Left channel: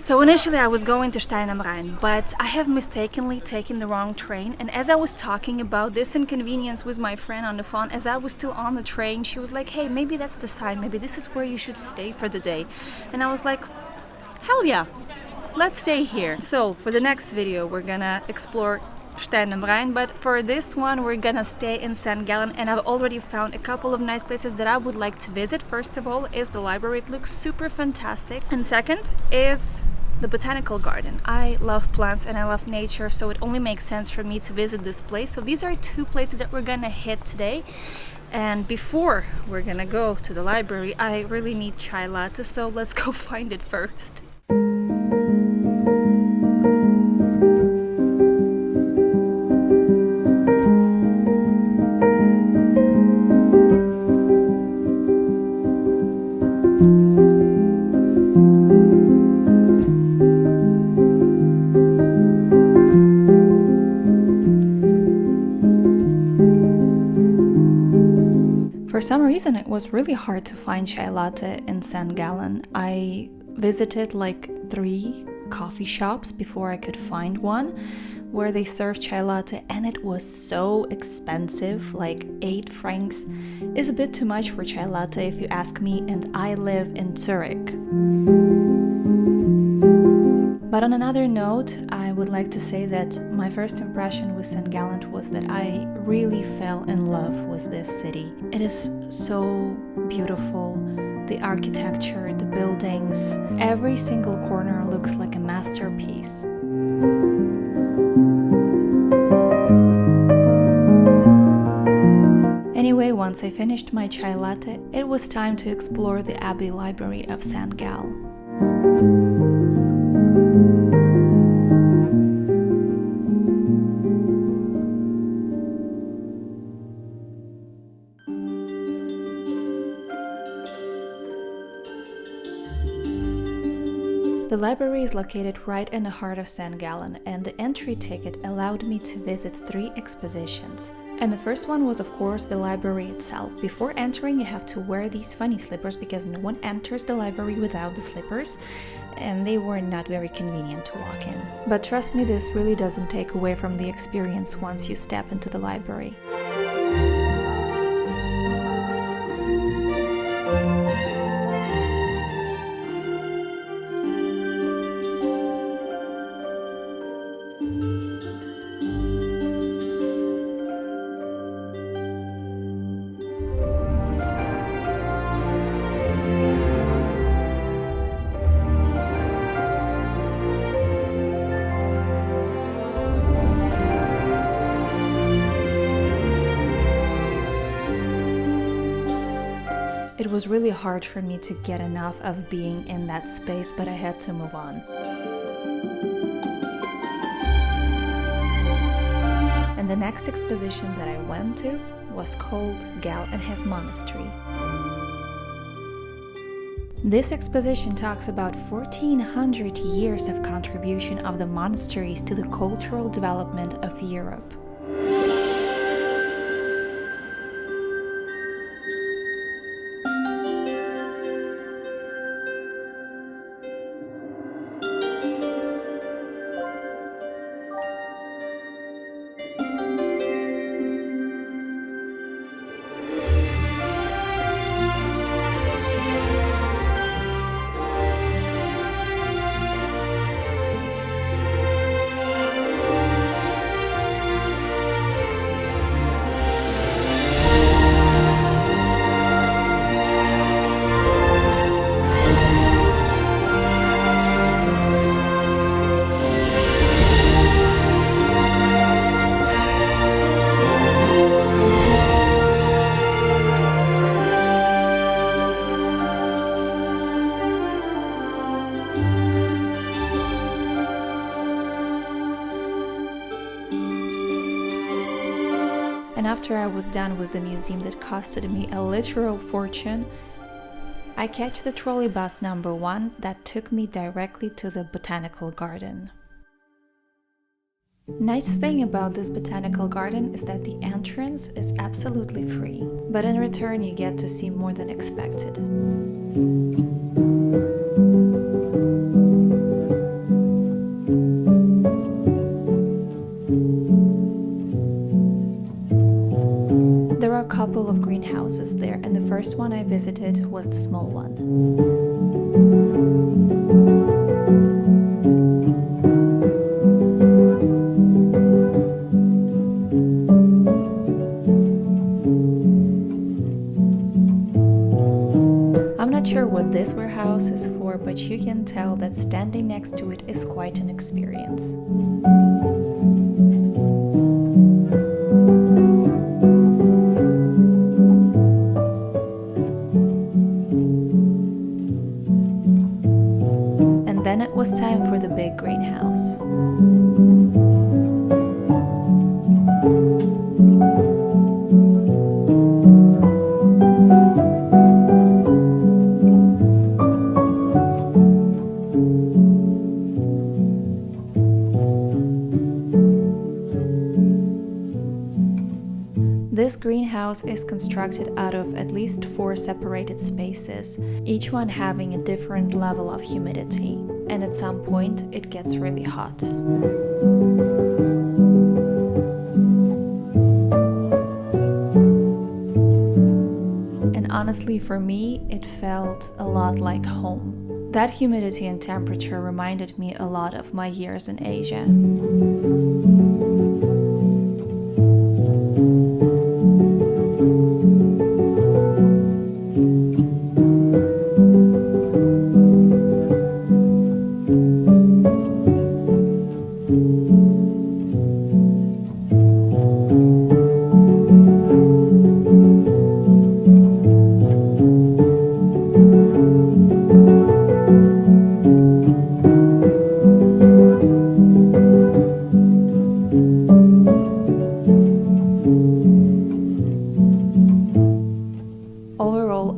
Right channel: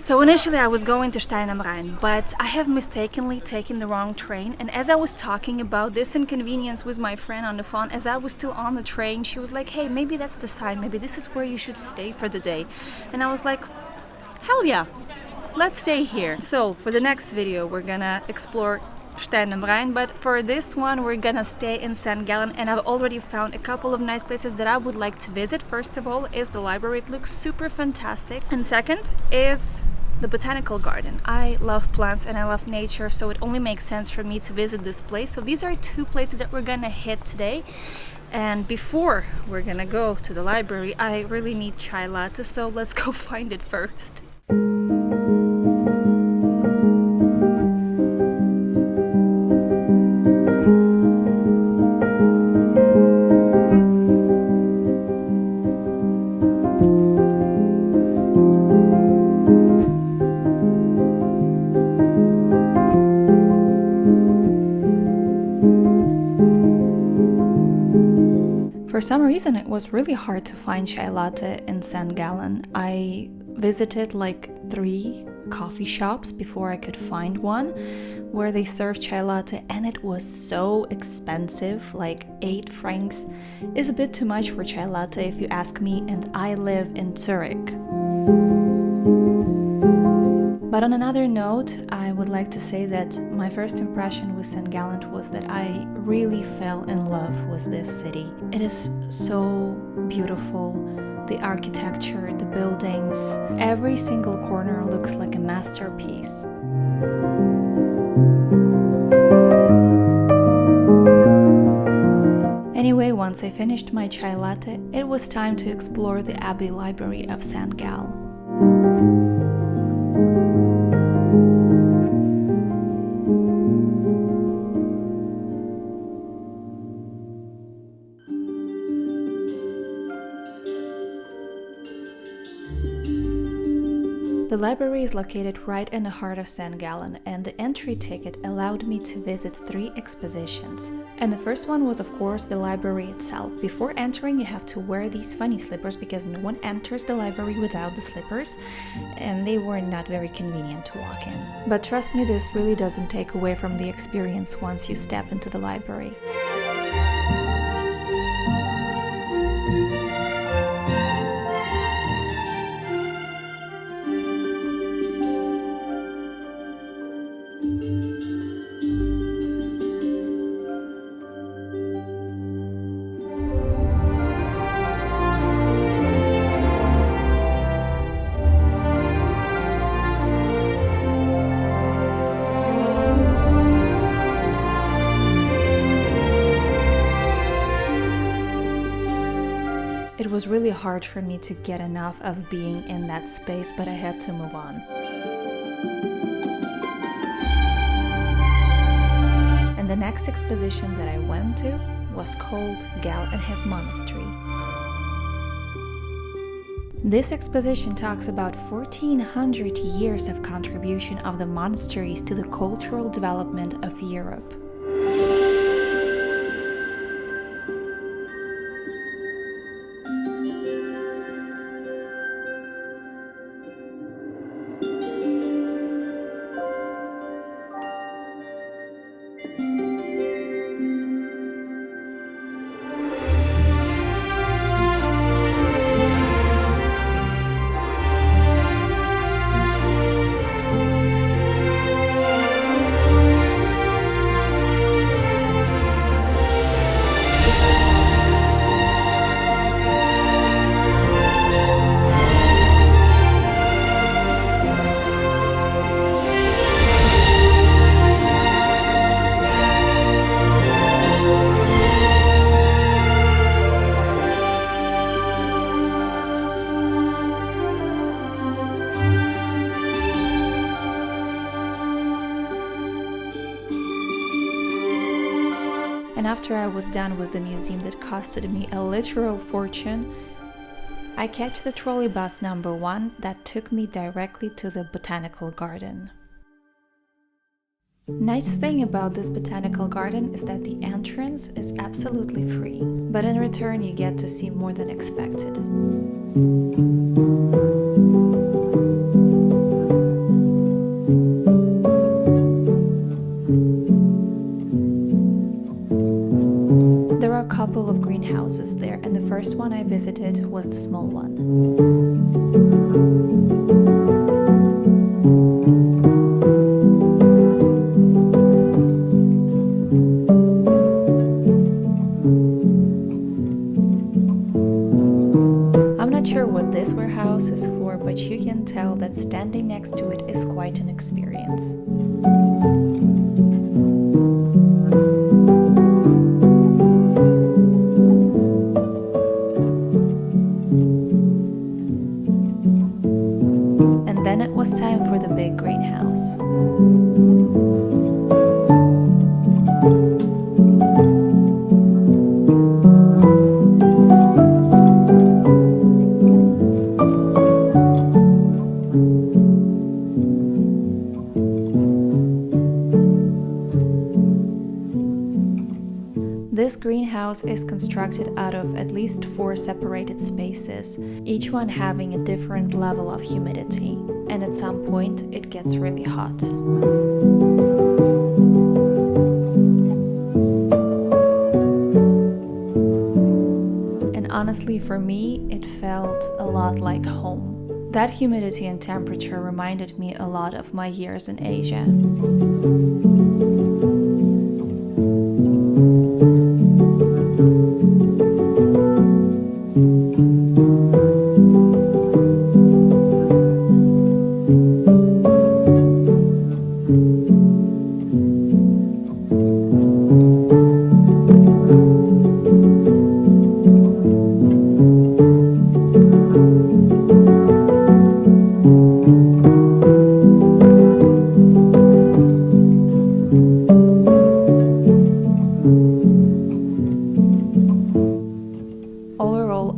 So initially I was going to Stein am Rhein, but I have mistakenly taken the wrong train, and as I was talking about this inconvenience with my friend on the phone, as I was still on the train, she was like, hey, maybe that's the sign, maybe this is where you should stay for the day. And I was like, hell yeah, let's stay here. So for the next video we're gonna explore Stein am Rhein, but for this one we're gonna stay in Saint Gallen, and I've already found a couple of nice places that I would like to visit. First of all is the library, it looks super fantastic, and second is the Botanical Garden. I love plants and I love nature, so it only makes sense for me to visit this place. So these are two places that we're gonna hit today. And before we're gonna go to the library, I really need chai latte, so let's go find it first. For some reason, it was really hard to find chai latte in Saint Gallen. I visited like 3 coffee shops before I could find one where they serve chai latte, and it was so expensive. Like 8 francs is a bit too much for chai latte if you ask me, and I live in Zurich. But on another note, I would like to say that my first impression with Saint Gallen was that I really fell in love with this city. It is so beautiful. The architecture, the buildings, every single corner looks like a masterpiece. Anyway, once I finished my chai latte, it was time to explore the Abbey Library of Saint Gallen. The library is located right in the heart of Saint Gallen, and the entry ticket allowed me to visit 3 expositions. And the first one was, of course, the library itself. Before entering, you have to wear these funny slippers because no one enters the library without the slippers, and they were not very convenient to walk in. But trust me, this really doesn't take away from the experience once you step into the library. It was really hard for me to get enough of being in that space, but I had to move on. And the next exposition that I went to was called Gall and his monastery. This exposition talks about 1400 years of contribution of the monasteries to the cultural development of Europe. And after I was done with the museum that costed me a literal fortune, I catch the trolley bus number 1 that took me directly to the Botanical Garden. Nice thing about this Botanical Garden is that the entrance is absolutely free, but in return you get to see more than expected. couple of greenhouses there, and the first one I visited was the small one. I'm not sure what this warehouse is for, but you can tell that standing next to it is quite an experience. And then it was time for the big greenhouse. This greenhouse is constructed out of at least 4 separated spaces, each one having a different level of humidity, and at some point it gets really hot. And honestly, for me, it felt a lot like home. That humidity and temperature reminded me a lot of my years in Asia.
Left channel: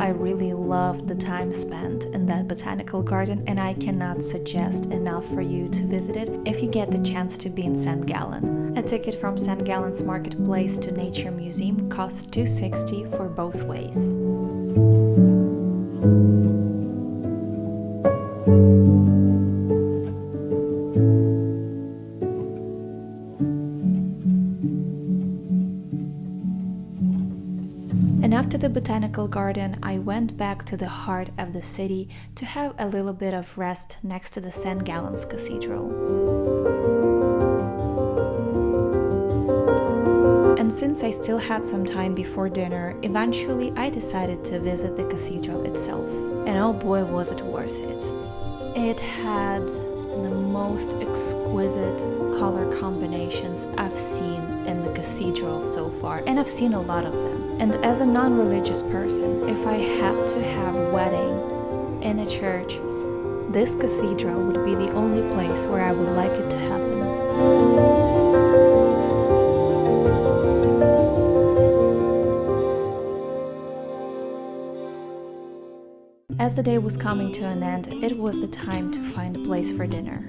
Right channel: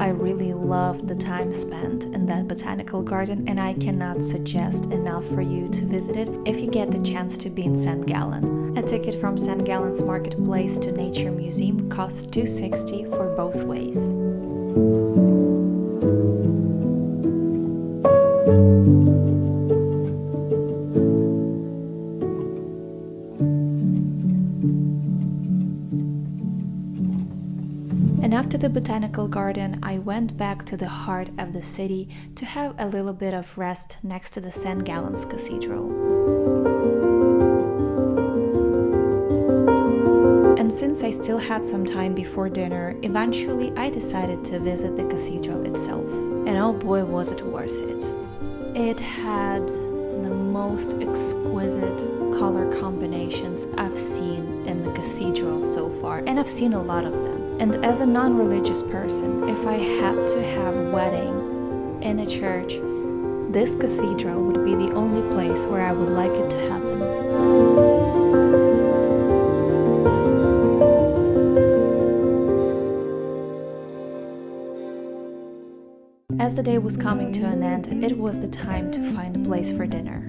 I really loved the time spent in that botanical garden, and I cannot suggest enough for you to visit it if you get the chance to be in Saint Gallen. A ticket from Saint Gallen's marketplace to Nature Museum costs $2.60 for both ways. And after the Botanical Garden, I went back to the heart of the city to have a little bit of rest next to the Saint Gallen's Cathedral. And since I still had some time before dinner, eventually I decided to visit the cathedral itself. And oh boy, was it worth it. It had the most exquisite color combinations I've seen in the cathedral so far, and I've seen a lot of them. And as a non-religious person, if I had to have a wedding in a church, this cathedral would be the only place where I would like it to happen. As the day was coming to an end, it was the time to find a place for dinner.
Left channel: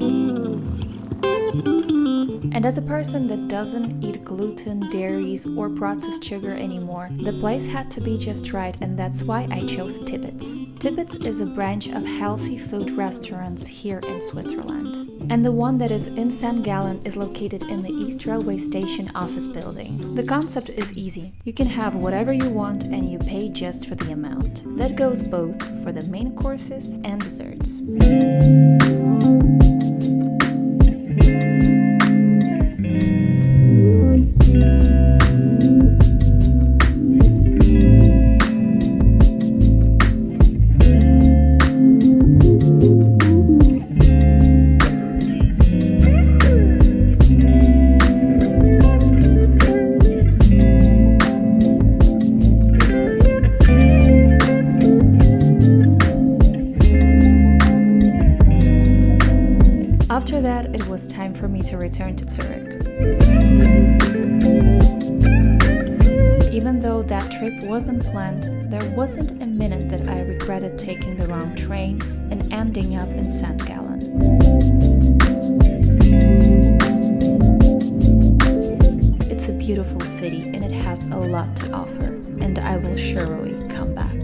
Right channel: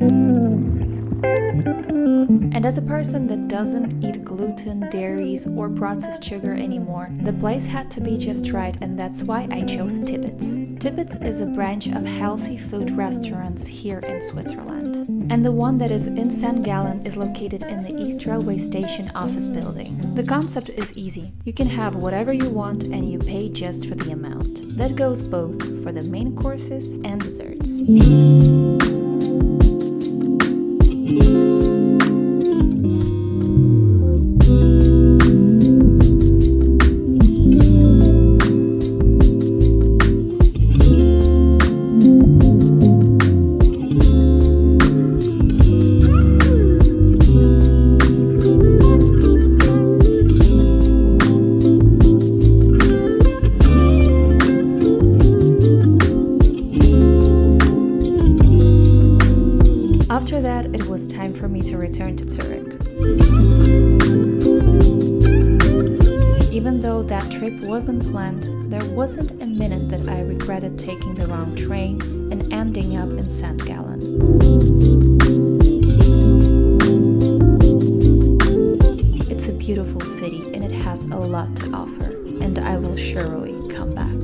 And as a person that doesn't eat gluten, dairies, or processed sugar anymore, the place had to be just right, and that's why I chose Tippets. Tippets is a branch of healthy food restaurants here in Switzerland. And the one that is in Saint Gallen is located in the East Railway Station office building. The concept is easy. You can have whatever you want and you pay just for the amount. That goes both for the main courses and desserts. After that, it was time for me to return to Zurich. Even though that trip wasn't planned, there wasn't a minute that I regretted taking the wrong train and ending up in Saint Gallen. It's a beautiful city and it has a lot to offer, and I will surely come back.